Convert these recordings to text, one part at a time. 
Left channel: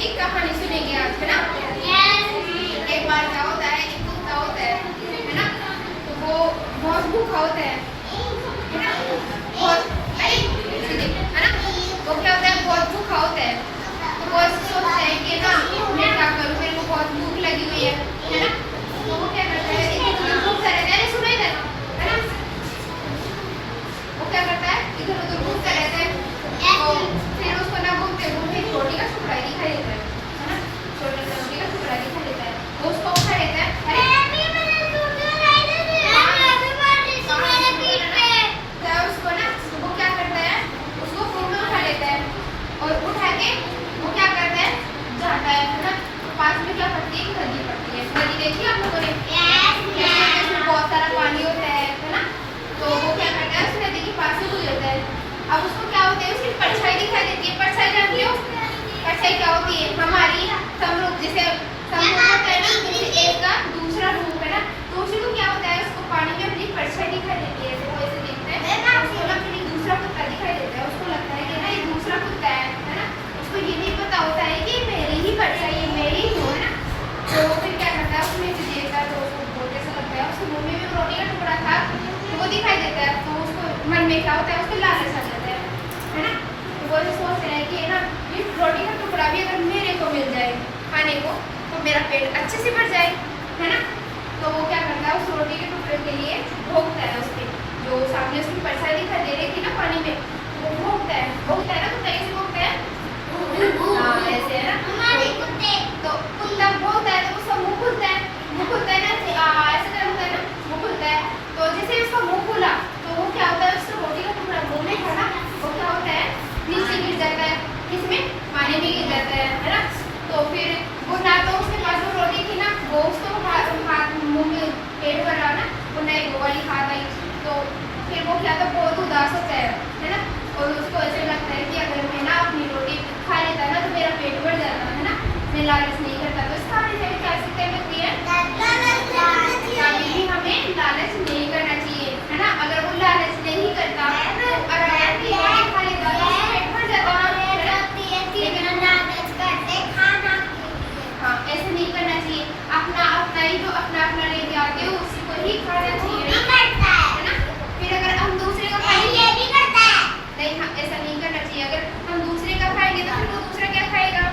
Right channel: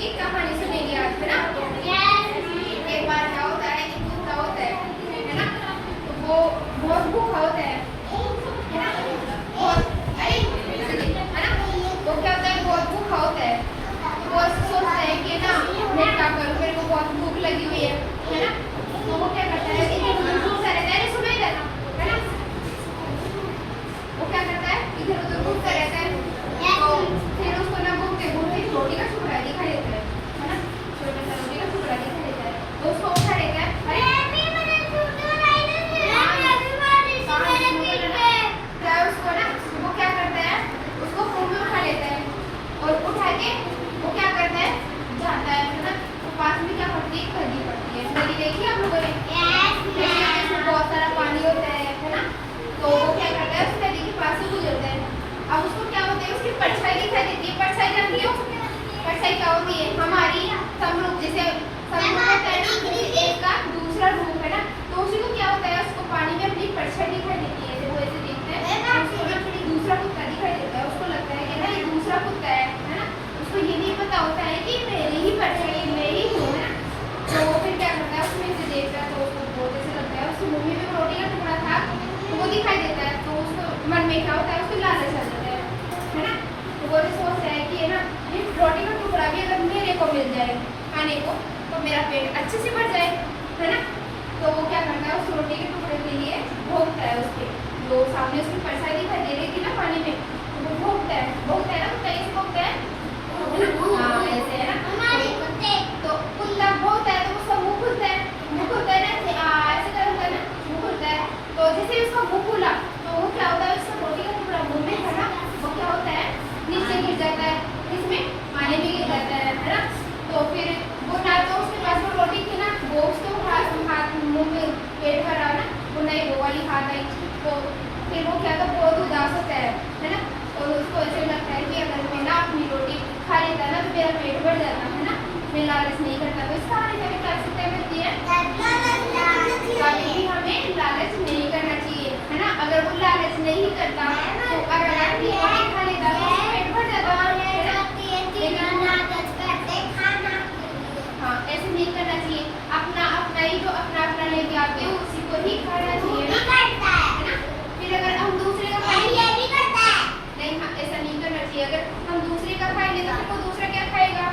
की कहानी सुनेंगे आज, है ना? एक बार क्या होता है, एक कुत्ता होता है ना? तो वो बहुत भूखा होता है ना? बहुत है ना? वो क्या होता है, बहुत भूखा होता है। तो वो सोचता है कि ना मैं क्या करूँ, मेरे को बहुत भूख लगी हुई है ना? तो वो क्या करता है, इधर घूमता रहता है, सुना इधर, है ना? वो क्या करता है, इधर उधर घूमता रहता है। तो फिर उसको ना घूमते घूमते रोटी का टुकड़ा दिखाई देता है ना? छोटा सा रोटी का टुकड़ा दिखाई देता है। तो उसको उठा लेता है, अरे उसको ना वो क्या करता है, उसको खूब में उठा लेता है और उठा के वो क्या करता है, जाता है ना? तो पास में क्या पड़ती है, नदी पड़ती है। नदी देखी आप लोगों ने? इसमें बहुत सारा पानी होता है ना? तो वो क्या करता है, उस नदी के पास से गुजरता है। अब उसको क्या होता है, उसकी परछाई दिखाई देती है। परछाई जानती हो? परछाई क्या होती है, हमारी समरूप, जैसे समरूप होता है ना, जैसे एक का दूसरा रूप है ना, तो उसी को क्या होता है, उसको पानी में अपनी परछाई दिखाई देती है। जैसे वैसे देखते हैं उसको ना फिर दूसरा कुत्ता दिखाई देता है। उसको लगता है कि ना ये दूसरा कुत्ता है ना? उसको ये नहीं पता होता है कि मेरी ही परछाई है, मेरी ही हूँ, है ना? तो फिर क्या करता है, उसमें से देखता है तो उसको बहुत ऐसा लगता है, उसके मुंह में भी रोटी का टुकड़ा था तो वो दिखाई देता है। तो उसको मन में क्या होता है, उसको लालच आ जाता है ना? तो वो सोचता है कि ना ये रोटी का टुकड़ा भी अगर मेरे को मिल जाए खाने को तो मेरा पेट अच्छे से भर जाए, है ना? तो वो क्या करता है, उस रोटी के टुकड़े के लिए भोंकता है। उसके जो सामने उसकी परछाई दिखाई दे रही थी ना पानी में, तो वो भोंकता है ना, कुत्ता कैसे भोंकता है, हाँ ऐसे, है ना? तो कुत्ता भोंकता है तो उसका मुंह खुलता है ना, ऐसे करता है ना, मुंह खुलता है। तो जैसे उसका मुंह खुला तो वो क्या होता है, उसका रोटी का टुकड़ा मुंह में था ना, वो क्या होता है, नीचे गिर जाता है, इसमें पानी भी गिर जाता है ना? तो फिर वो ना तो उसके पास जो रोटी थी ना, वो उसको हाथ मुंह में पेट भरा ना, वो नहीं वो वाली हाथ आई। तो फिर वो क्या, तो बहुत उदास होता है ना? और उसको ऐसे लगता है कि अगर मैं ना अपनी रोटी खा लेता ना तो मेरा पेट भर जाता, है ना? मैं लालच नहीं करता। तो इसका कैसे होती है, कभी भी हमें लालच नहीं करना चाहिए, है ना? अगर वो लालच नहीं करता तो अगर रोटी खा लेता तो पेट भर जाता, हाँ ऐसे नहीं करना चाहिए। अपना ही जो अपना लेके आते हो उसी को ही खाना चाहिए, है ना? फिर अगर हम दूसरे का खाएंगे नहीं, हाँ ऐसा नहीं करना चाहिए। अगर हम दूसरे का खाएंगे तो फिर वो दूसरा क्या खाएगा,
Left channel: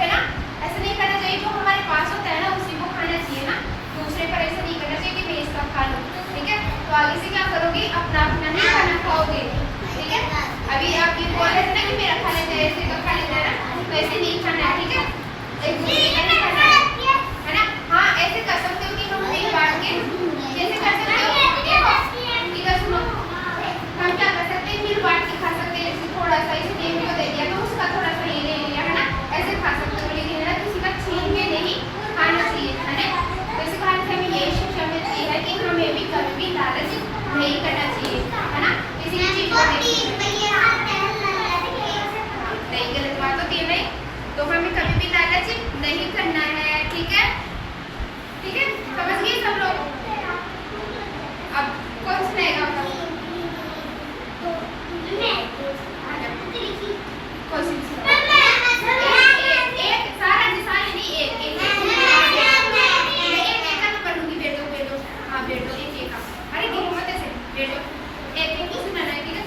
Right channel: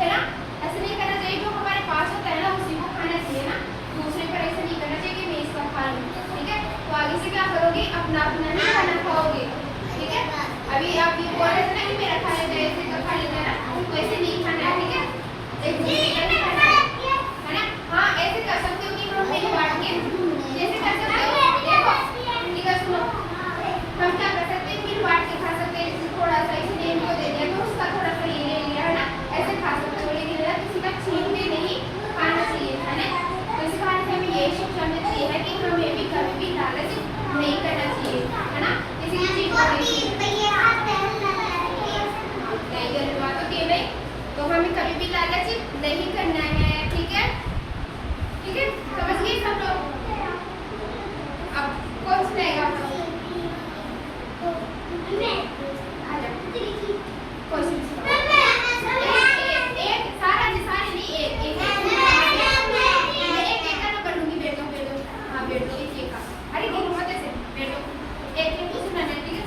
है ना? ऐसा नहीं करना चाहिए। जो हमारे पास होता है ना उसी को खाना चाहिए ना, दूसरे पर ऐसा नहीं करना चाहिए कि मैं इसका खा लूँ, ठीक है? तो आगे से क्या करोगे, अपना ही खाना खाओगे, ठीक है? अभी आप ये बोल रहे थे ना कि मेरा खा लेते हैं, ऐसे का खा लेते हैं ना, तो ऐसे नहीं खाना है, ठीक है? एक दूसरे का नहीं खाना है ना? हाँ ऐसे कर सकते हो कि हम एक बांट के, जैसे कर सकते हो, इधर सुनो, हम क्या कर सकते हैं, फिर बांट के खा सकते हैं। थोड़ा सा इसे देवी को दे दिया तो उसका थोड़ा सा ये ले लिया, है ना? ऐसे खा सकते हो, लेकिन है ना किसी का छीन के नहीं खाना चाहिए, है ना? तो इस कहानी से हमें ये शिक्षा मिलती है कि हमें भी कभी भी लालच नहीं करना चाहिए, है ना? किसी भी चीज को नहीं, गलत बात होती है नहीं, तो हमें कभी भी लालच नहीं करना है, ठीक है? ठीक है, समझ गए सब लोग? अब कौन सुनाएगा? कोई सी एक सारा जी, सारे नहीं, एक का नंबर लूंगी। बैठो, हाँ बैठो, एक का, अरे गिरो मत ऐसे, बैठो, एक को सुनाना है, ठीक है?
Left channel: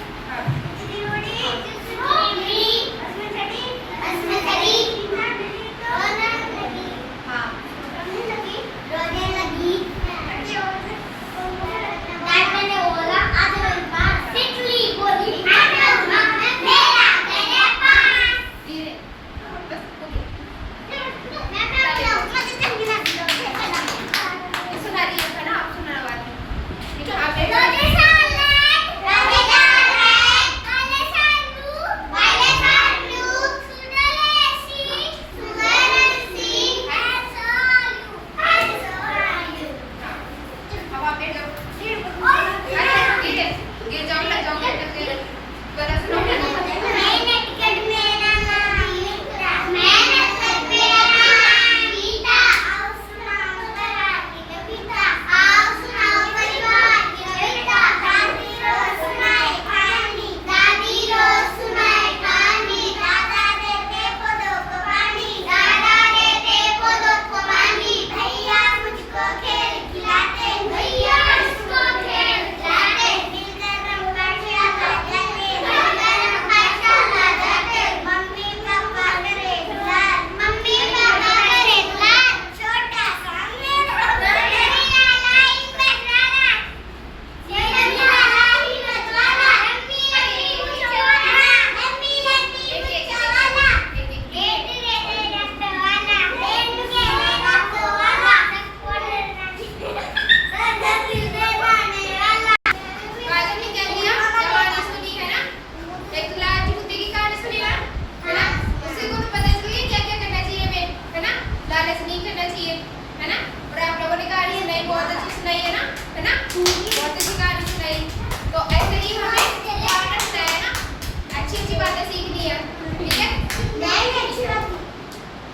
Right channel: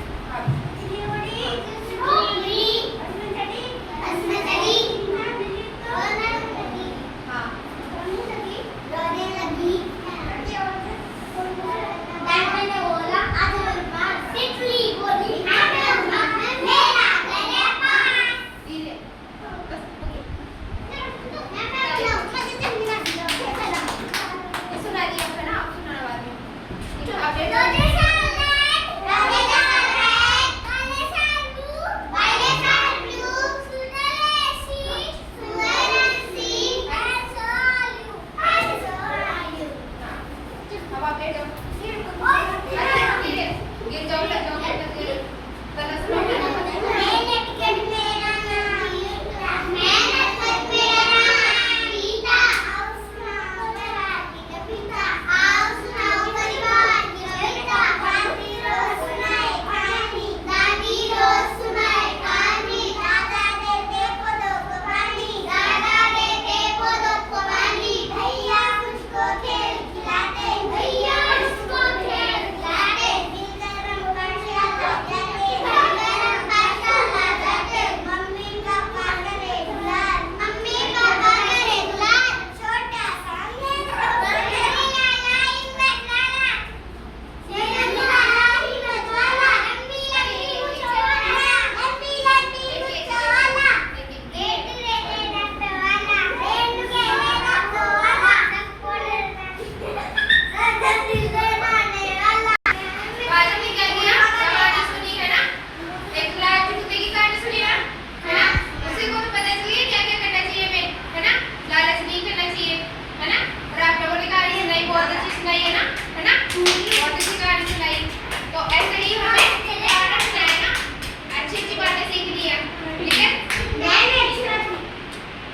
ना, बहुत अच्छी कहानी सुनाई। तो ऐसे ही हमें ध्यान रखना है ना, अच्छी अच्छी बातें सीखनी है।